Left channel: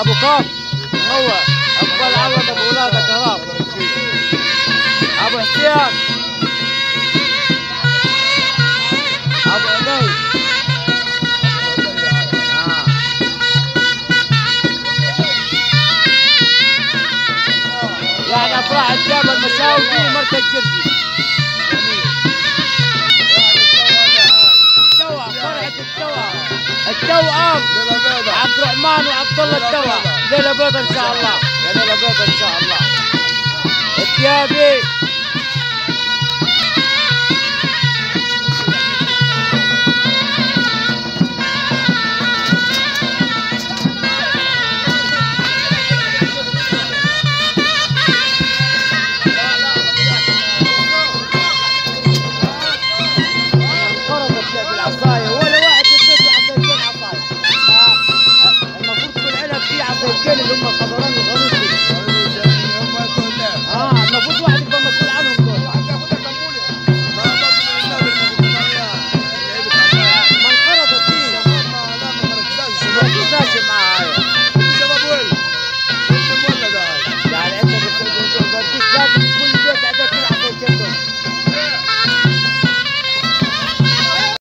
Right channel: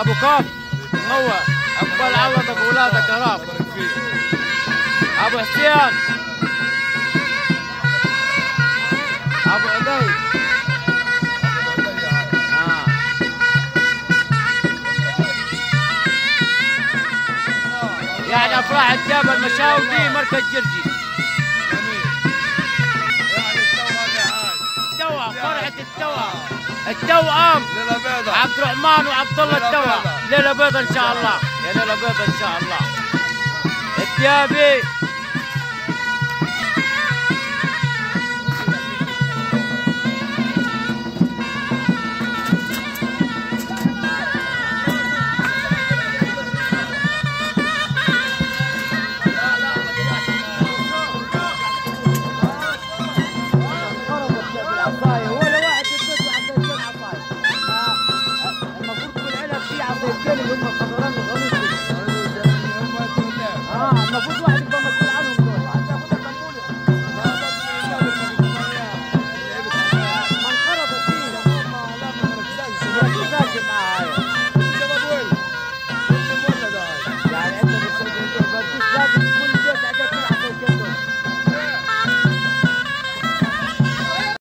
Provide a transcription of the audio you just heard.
ابو كاف هو اقبل عوض ابو ولادك يا رب. ابو حسين ابو عبيد يعني افراح الجبل مشاوي دي مركز جرجي. التوأم عبد الرحمن وعبد الله التوأم. ليلة بيضة ان شاء الله، يا ليلة بيضة ان شاء الله. الديابي انقرضت بالعصاية ولا واحد يبيض عصايتين عصاية. المفروض كل علب فيه عصايتين اللي هم الخضران والغنوش دي. المفروض واحد يبقى مسؤول عنهم دول. ما انقرضت فيه. ما ركزاش معاها. يعني انت بديك لازم